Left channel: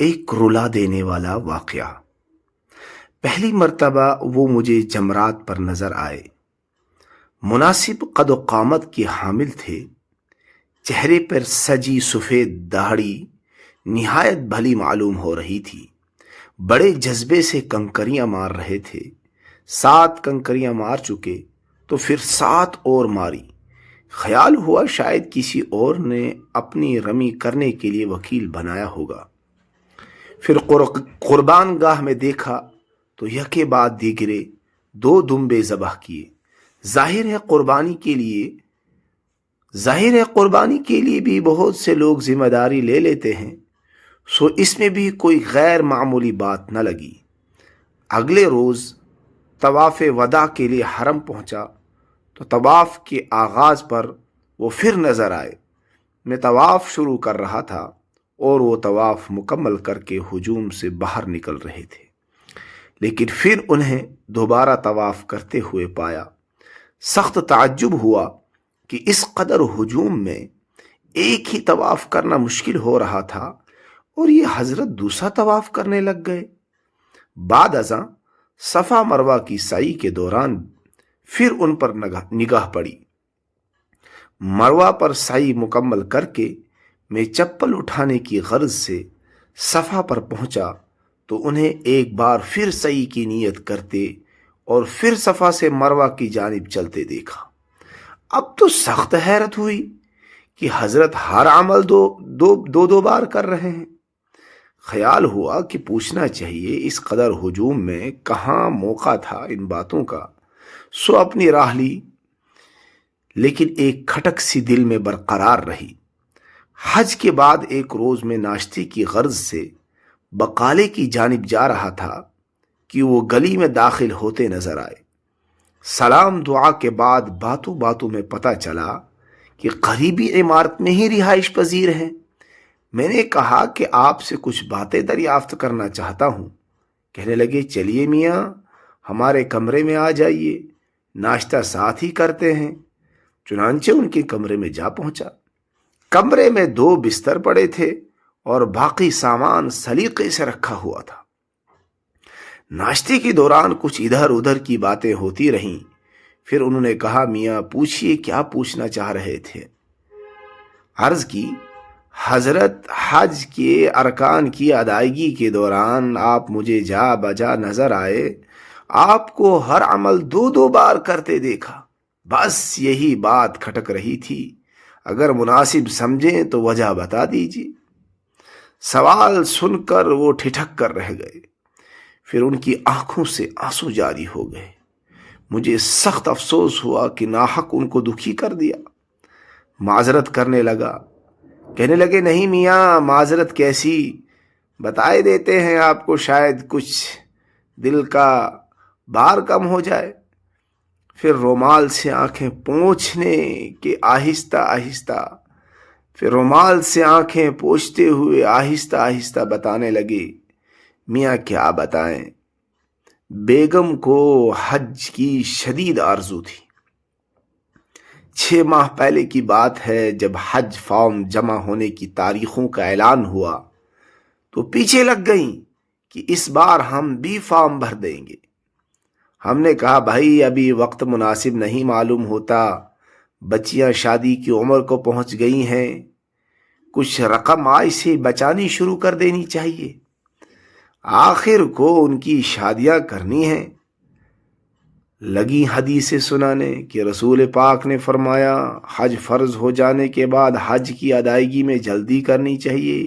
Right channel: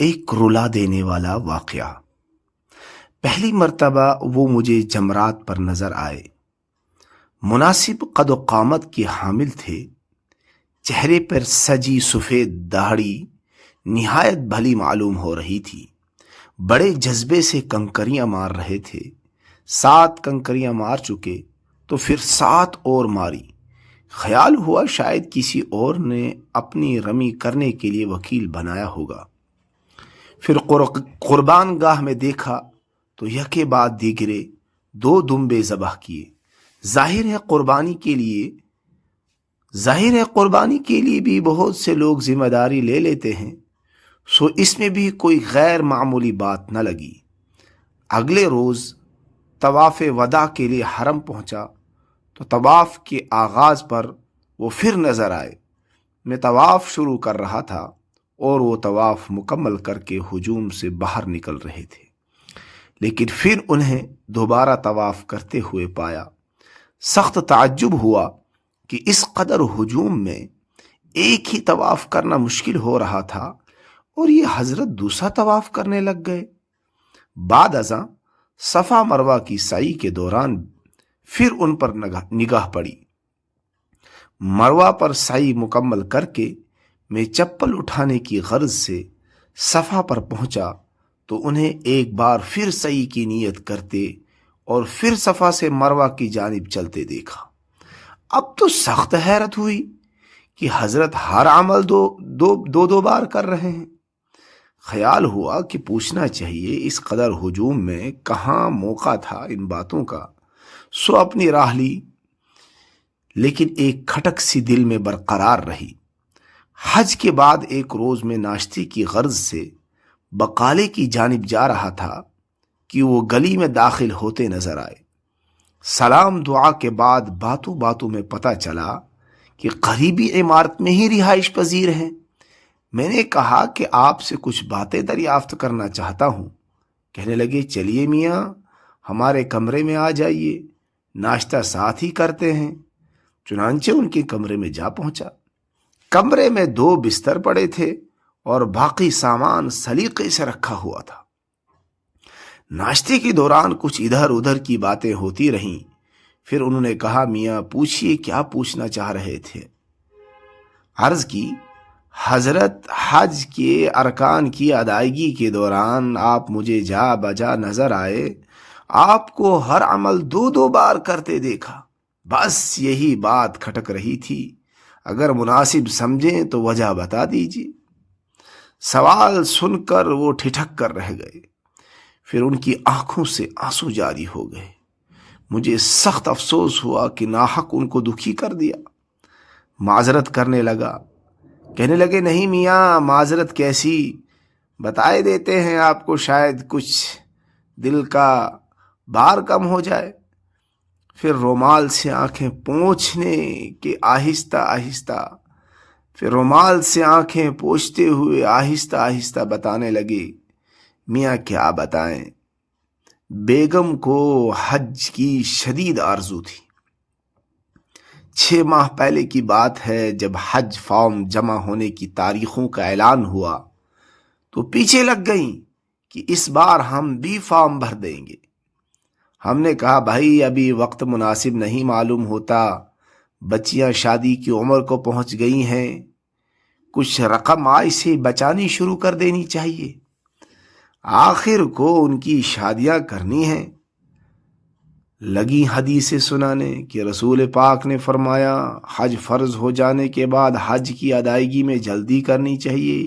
ایک رلا دینے والا واقعہ۔ پہلی مرتبہ وہ مجھے جمرات پر نظر آئے۔ مناسب قد و قامت کے حامل تھے، چہرے پر سجی سفید داڑھی نہایت بھلی معلوم ہو رہی تھی۔ بڑے جذبے سے کنکریاں مار رہے تھے۔ 7 کنکریاں مار چکے تو پھر 7 اور ماری۔ خیال ہوا شاید کسی اور نے اپنی رمی کرنے کے لیے وکیل بنایا ہوگا۔ پھر قربان گاہ میں دیکھا تو یکے بعد دیگرے 2 دمبے ذبح کیے۔ ظاہر ہے قربانی کے لیے بھی بہت سے لوگ ذمہ داری لے لیتے ہیں، سو اس میں بھی کوئی غیر معمولی بات نہ لگی۔ اگلے روز طواف وداع کے لیے حرم پہنچا تو طواف کے آغاز پر وہ پھر نظر آئے۔ میں طواف شروع کر رہا تھا اور وہ طواف مکمل کر کے ہجوم سے باہر نکل رہے تھے، لیکن پھر انہیں دوبارہ طواف کرتے ہوئے پایا۔ سخت تعجب ہوا کہ اس قدر ہجوم میں ایک ہی طواف کرنا مشکل ہو رہا تھا اور یہ حضرت دوسرا طواف کرنے لگ گئے۔ بعد ازاں صفا مروہ کی سعی کے دوران پھر ان پر نگاہ پڑی۔ مروہ پر سعی مکمل کر کے میں چپل اٹھانے کی غرض سے صفا پر پہنچا تو انہیں ایک بار پھر سعی کی نیت کرتے اور پھر صفا سے مروہ کی جانب چلتے دیکھا۔ اب تو سخت حیرت ہوئی کہ حضرت ہر عمل دو بار کر رہے ہیں۔ خیال ہوا کہ پوچھنا چاہیے اس قدر ہجوم میں کہاں موقع تھا ان باتوں کا، سو اپنی راہ لی، لیکن ایک کھٹک سی دل میں برقرار رہی۔ حج کے بعد ایک روز میں ناشتے کی غرض سے بقالے کی جانب جا رہا تھا کہ وہ گلی میں داخل ہوتے نظر آئے۔ سلام دعا کے بعد باتوں میں پتہ چلا کہ قریبی عمارت میں ہی رہائش پذیر ہیں۔ میں نے کہا کہ آپ سے کچھ باتیں دریافت کرنا چاہتا ہوں۔ کہنے لگے چلیے میاں، ہمارے کمرے میں آ جائیے، ناشتہ ساتھ ہی کرتے ہیں۔ چنانچہ ان کے کمرے میں جا پہنچا۔ کمرے میں 2 بستر پڑے تھے اور باقی سامان سلیقے سے رکھا ہوا تھا۔ ناشتے کے دوران کچھ ادھر ادھر کی باتیں ہوتی رہیں۔ پھر انہوں نے کہا میاں پوچھئے کیا پوچھنا چاہ رہے تھے؟ عرض کی حضرت حج کے ارکان کی ادائیگی کے دوران آپ مجھے جا بجا نظر آئے، آپ کو ہر عمل 2 بار کرتے دیکھا، بس یہی بات کھٹک رہی تھی، اگر مناسب سمجھیں تو وجہ بتا دیجیے۔ سوال سن کر وہ ٹھٹک کر رہ گئے، پھر ان کی آنکھوں سے آنسو جاری ہو گئے۔ مجھے سخت افسوس ہوا کہ ناحق ان کو دکھی کر دیا۔ معذرت کرنے لگا، کہنے لگے نہیں میاں معذرت کیسی، بتائے دیتے ہیں آپ کو، شاید کچھ دل کا بار کم ہو جائے۔ پھر رومال سے آنکھیں پوچھنے کے پھر رومال سے آنکھیں پوچھتے ہوئے آہستہ آہستہ بتانے لگے میاں کیا بتائیں، بیگم کو حج کی شدید آرزو تھی۔ 6 ماہ پہلے کی بات ہے، جب حج فارم جمع ہونے کی تاریخوں کا اعلان ہوا تو پیچھے لگ گئیں کہ اس بار ہم بھی فارم بھر دیں گے۔ ہم نے کہا بھائی ابھی وقت مناسب نہیں معلوم ہوتا، بچیاں شادی کی عمر کو پہنچ گئی ہیں، کچھ رقم آج سے بچانی شروع کر دینی چاہیے، آخر کو ان کی شادیاں کرنی ہیں۔ لگی حدیثیں سنانے کہ رسول پاک نے فرمایا حج فرض ہو جانے کے بعد حج کی ادائیگی میں جلدی کرنی چاہیے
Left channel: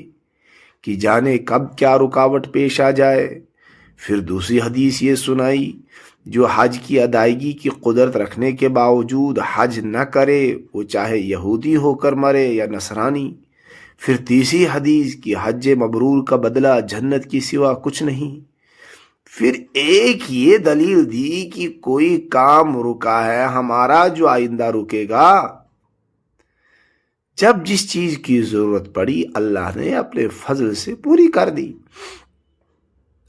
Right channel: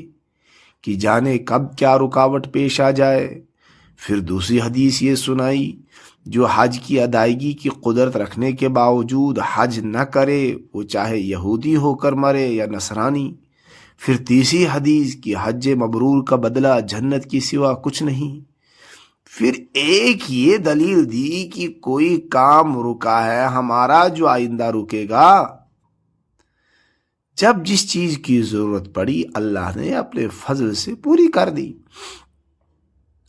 کہ جانے کب کیا رکاوٹ پیش آ جائے۔ پھر دوسری حدیث یہ سنائی جو حج کی ادائیگی کی قدرت رکھنے کے باوجود حج نہ کرے وہ چاہے یہودی ہو کر مرے یا نصرانی۔ پھر تیسری حدیث کہ حج مبرور کا بدلہ جنت کی سوا کچھ نہیں۔ پھر ایک یہ دلیل دی کہ کوئی کام رکا ہے ہمارا جو آئندہ رکے گا۔ جب جس چیز کی ضرورت پڑی اللہ نے اپنے فضل سے پوری کر دی،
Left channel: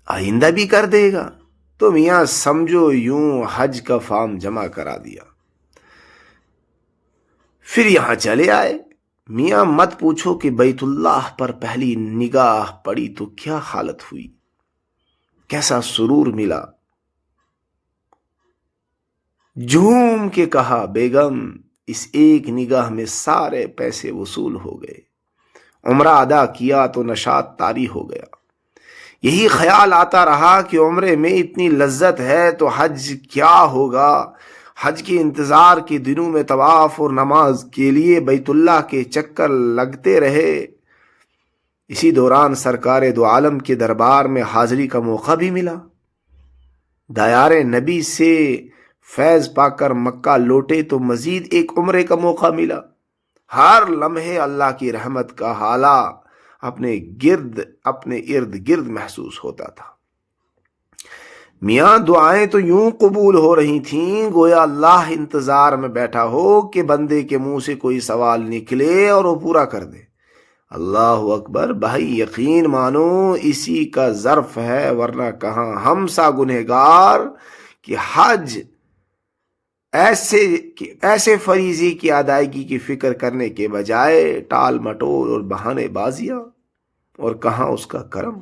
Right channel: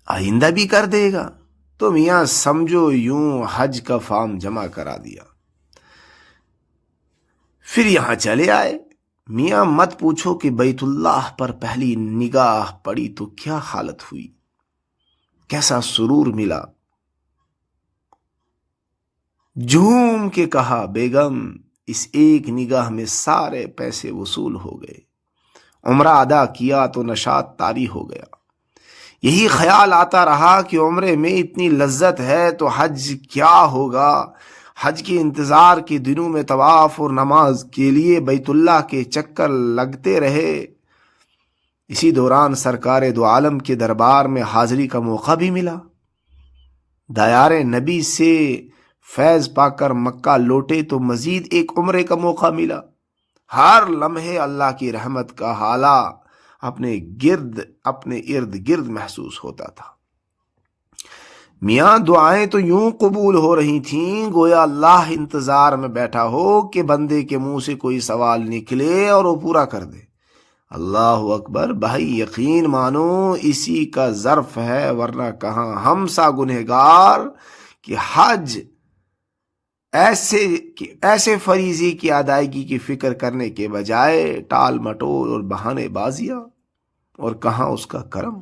آئندہ بھی کر دے گا، تو میاں سمجھو یوں حج کا فارم جمع کرا دیا۔ پھر یہاں چلے آئے۔ میاں مت پوچھو کہ بیت اللہ پر پہلی نگاہ پڑی تو کیا حالت ہوئی، کیسا سرور ملا۔ جھوم کے کہا بیگم اس ایک نگاہ میں سارے پیسے وصول ہو گئے، عمرہ ادا کیا تو نشاط طاری ہو گیا۔ یہی خیال آتا رہا کہ عمرے میں اتنی لذت ہے تو حج کیا ہوگا۔ حج کے انتظار کے دنوں میں طواف اور نماز کے لیے بیت اللہ کے چکر لگتے رہے۔ اسی دوران سرکار دو عالم کے دربار میں حاضری کا موقع بھی ملا۔ دیار نبی سے فیض پا کر مکہ لوٹے تو مزید ایک عمرے کا موقع ملا۔ ہر لمحے اللہ کی رحمت کا حالہ اپنے ارد گرد محسوس ہوتا تھا۔ میاں دعائیں تو یوں قبول ہو رہی تھیں گویا اللہ انتظار میں بیٹھا ہو کہ بندے کے منہ سے کوئی سوال نکلے اور وہ پورا کر دے۔ اللہ اکبر، بھائی یقین مانو اسی کا ظرف ہے، ورنہ کہاں ہم سا گنہگار کہ حج ایسے فریضے کی ادائیگی کی فکر کرنے کے بجائے ٹال مٹول اور بہانے بازیاں، اور کہاں اس کا کرم۔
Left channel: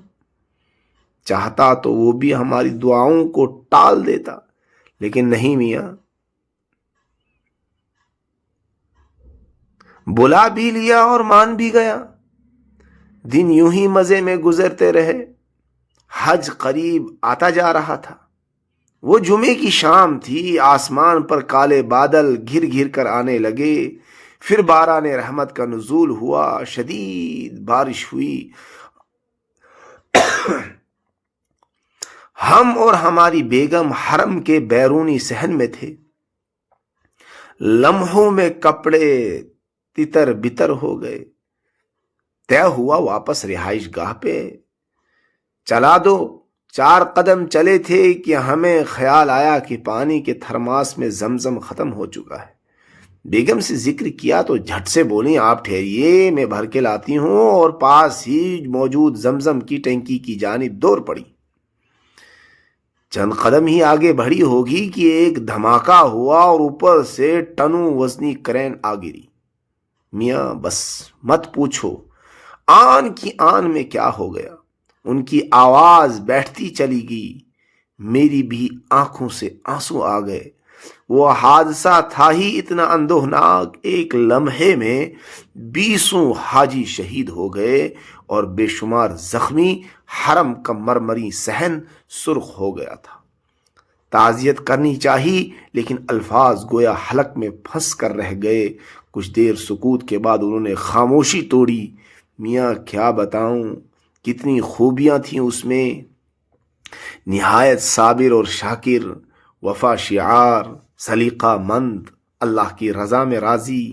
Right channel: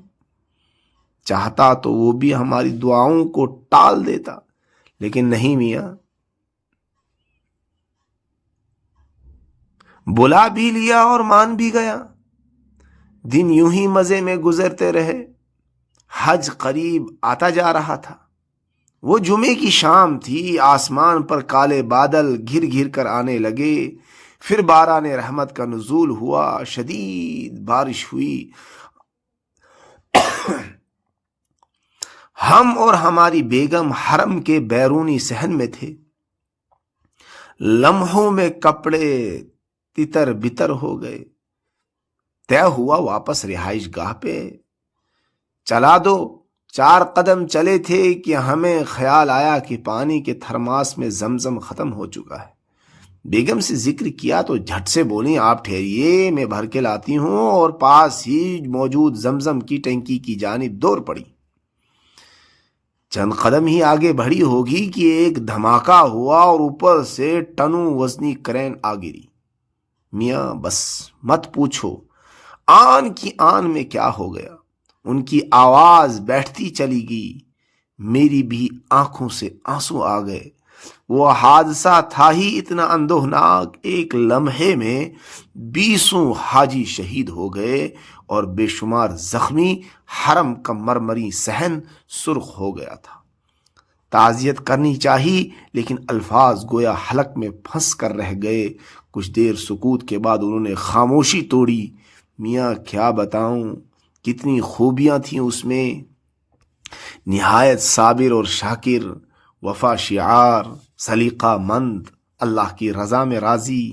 چاہتا تو وہ بھی ہماری دعاؤں کو ٹال دیتا، لیکن نہیں میاں، بلا بھی لیا اور مان بھی گیا۔ دن یوں ہی مزے میں گزرتے رہے۔ حج قریب آتا جا رہا تھا۔ وہ جمعے کی شام تھی، آسمان پر کالے بادل گھر گھر کر آنے لگے، پھر باران رحمت کا نزول ہوا، شدید بارش ہوئی۔ ہم اور ہماری بیگم حرم کے بیرونی صحن میں تھے۔ لمحوں میں کپڑے تتر بتر ہو گئے۔ طے ہوا واپس رہائش گاہ پہ چلا دو۔ 4 قدم چلے تھے کہ ہمیں خیال آیا کہ پانی کے تھرماس میں زمزم ختم ہو چکا ہے۔ بیگم سے ذکر کیا تو جھٹ سے بولی آپ ٹھہریے، میں بھر کے لاتی ہوں، اور پاس ہی موجود زمزم کی ٹینکی کی جانب دوڑ پڑی۔ چند قدم ہی آگے بڑھی ہوگی کہ ایک دھماکہ ہوا اور اوپر سے ٹنوں وزنی کرین آ گری۔ میاں بس مت پوچھو آن کی آن میں کیا ہو گیا۔ ان کی آواز بیٹھتی چلی گئی، میری بھی آنکھوں سے آنسو آ گئے۔ وہ حادثہ تھا ہی اتنا اندوہناک، ایک لمحے میں 20 حاجی شہید ہو گئے اور بے شمار زخمی، حرم کا مرمری صحن سرخ ہو گیا تھا۔ تعزیت کرنی چاہی لیکن الفاظ گویا حلق میں پھنس کر رہ گئے۔ کچھ دیر سکوت کے بعد انہوں نے خاموشی توڑی۔ میاں کیا بتاؤں، کتنی خوبیاں تھیں اس میں، نہایت صابر اور شاکر، وفا شعار، سلیقہ مند، اللہ کی رضا میں راضی،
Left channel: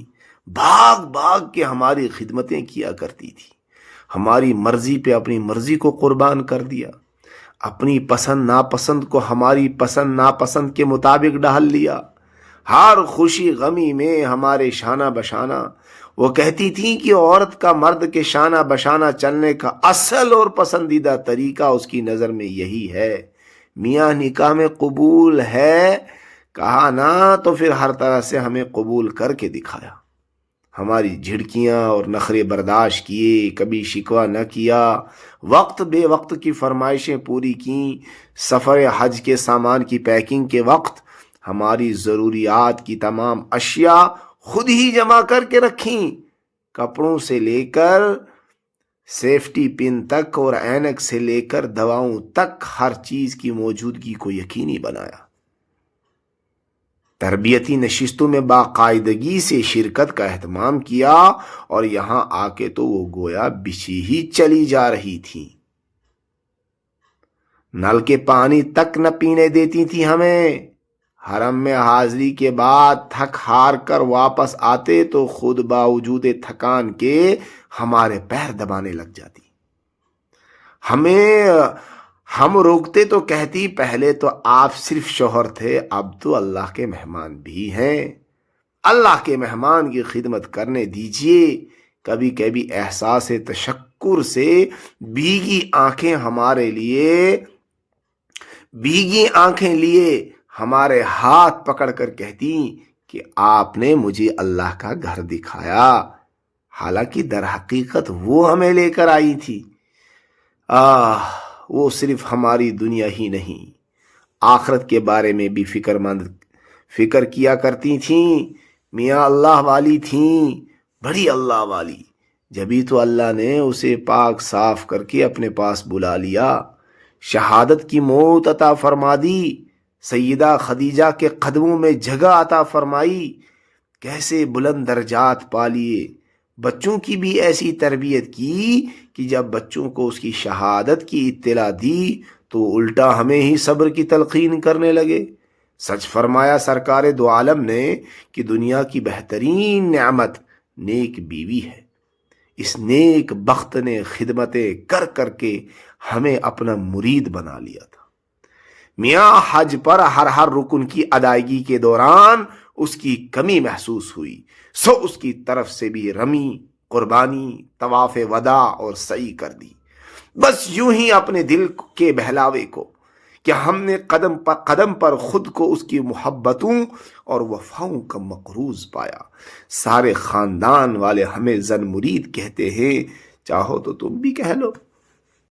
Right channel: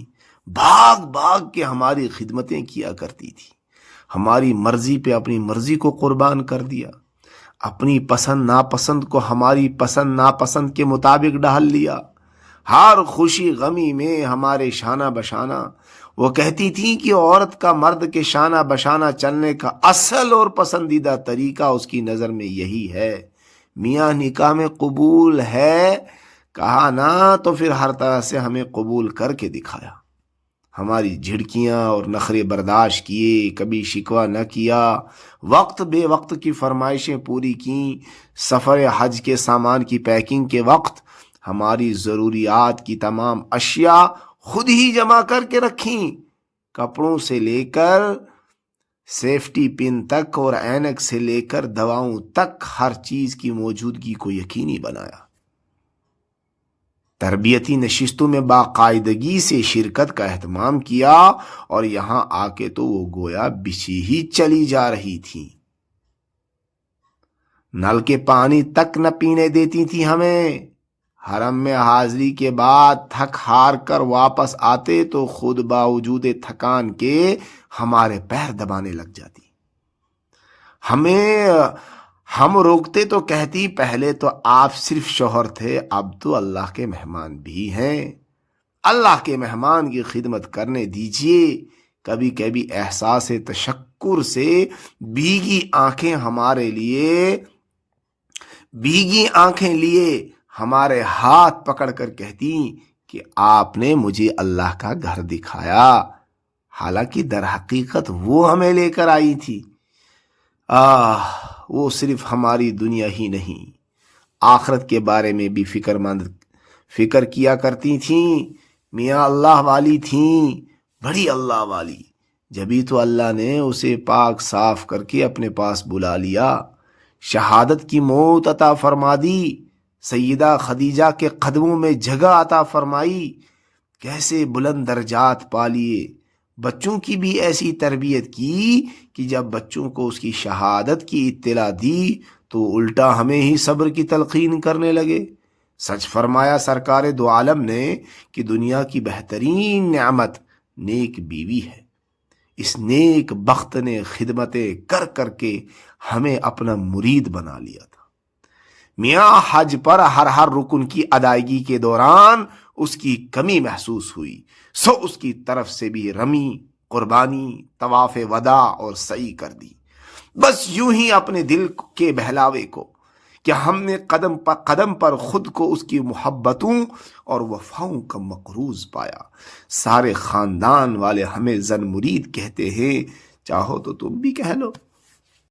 بھاگ بھاگ کے ہماری خدمتیں کیا کرتی تھی، ہماری مرضی پہ اپنی مرضی کو قربان کر دیا، اپنی پسند ناپسند کو ہماری پسند ناپسند کے مطابق ڈھال لیا، ہر خوشی غمی میں ہمارے شانہ بشانہ۔ وہ کہتی تھیں کہ عورت کا مرد کے شانہ بشانہ چلنے کا اصل اور پسندیدہ طریقہ اس کی نظر میں یہی ہے۔ میاں نکاح میں قبول ہے کہا نا تو پھر ہر طرح سے ہمیں قبول کر کے دکھایا، ہماری جھڑکیاں اور نخرے برداشت کیے، کبھی شکوہ نہ کیا، وقت بے وقت کی فرمائشیں پوری کیں۔ سفر حج کے سامان کی پیکنگ کے وقت ہماری ضروریات کی تمام اشیاء خود ہی جمع کر کے رکھیں، کپڑوں سے لے کر سیفٹی پن تک اور اینک سے لے کر دواؤں تک ہر چیز کی موجودگی کو یقینی بنایا۔ تربیتی نشستوں میں باقاعدگی سے شرکت کا اہتمام کیا، اور یہاں آ کے تو وہ گویا بچھی ہی چلی جا رہی تھی۔ نل کے پانی تک نہ پینے دیتی تھی ہمیں۔ حرم میں حاضری کے بعد تھک ہار کر واپس آتے تو خود باوجود تھکان کے ہمارے پیر دبانے لگ جاتی۔ ہم روکتے تو کہتی پہلے تو آپ صرف شوہر تھے، اب تو اللہ کے مہمان بھی ہیں، اللہ کے مہمان کی خدمت کرنے دیجیے۔ کبھی کبھی احساس تشکر سے بھیگی آنکھیں لیے ہمارے ہاتھ پکڑ کر کہتی کہ آپ نے مجھے اللہ کا گھر دکھایا، حالانکہ در حقیقت وہ ہمیں لے کر آئی تھی۔ وہ صرف ہماری دنیا ہی نہیں، آخرت کے بارے میں بھی فکر کیا کرتی تھیں۔ میاں اللہ والی تھیں، بڑی اللہ والی، جبھی تو اللہ نے اسے پاک صاف کر کے اپنے پاس بلا لیا، شہادت کی موت عطا فرما دی، سیدہ خدیجہ کے قدموں میں جگہ عطا فرمائی، کیسے بلند درجات پا لیے۔ بچوں کی بھی ایسی تربیت کی کہ جب بچوں کو اس کی شہادت کی اطلاع دی تو الٹا ہمیں ہی صبر کی تلقین کرنے لگے۔ سچ فرمایا سرکار دو عالم نے کہ دنیا کی بہترین نعمت نیک بیوی ہے۔ اس نیک بخت نے خدمتیں کر کر کے ہمیں اپنا مرید بنا لیا تھا۔ میاں حج پر ہر رکن کی ادائیگی کے دوران اس کی کمی محسوس ہوئی، سو اس کی طرف سے بھی رمی، قربانی، طواف وداع اور سعی کر دی، بس یوں ہی اپنے دل کے بہلاوے کو کہ ہم نے قدم پر خود کو اس کی محبتوں اور وفاؤں کا مقروض پایا۔ سارے خاندان والے ہمیں زن مرید کہتے ہیں، چاہو تو تم بھی کہہ لو۔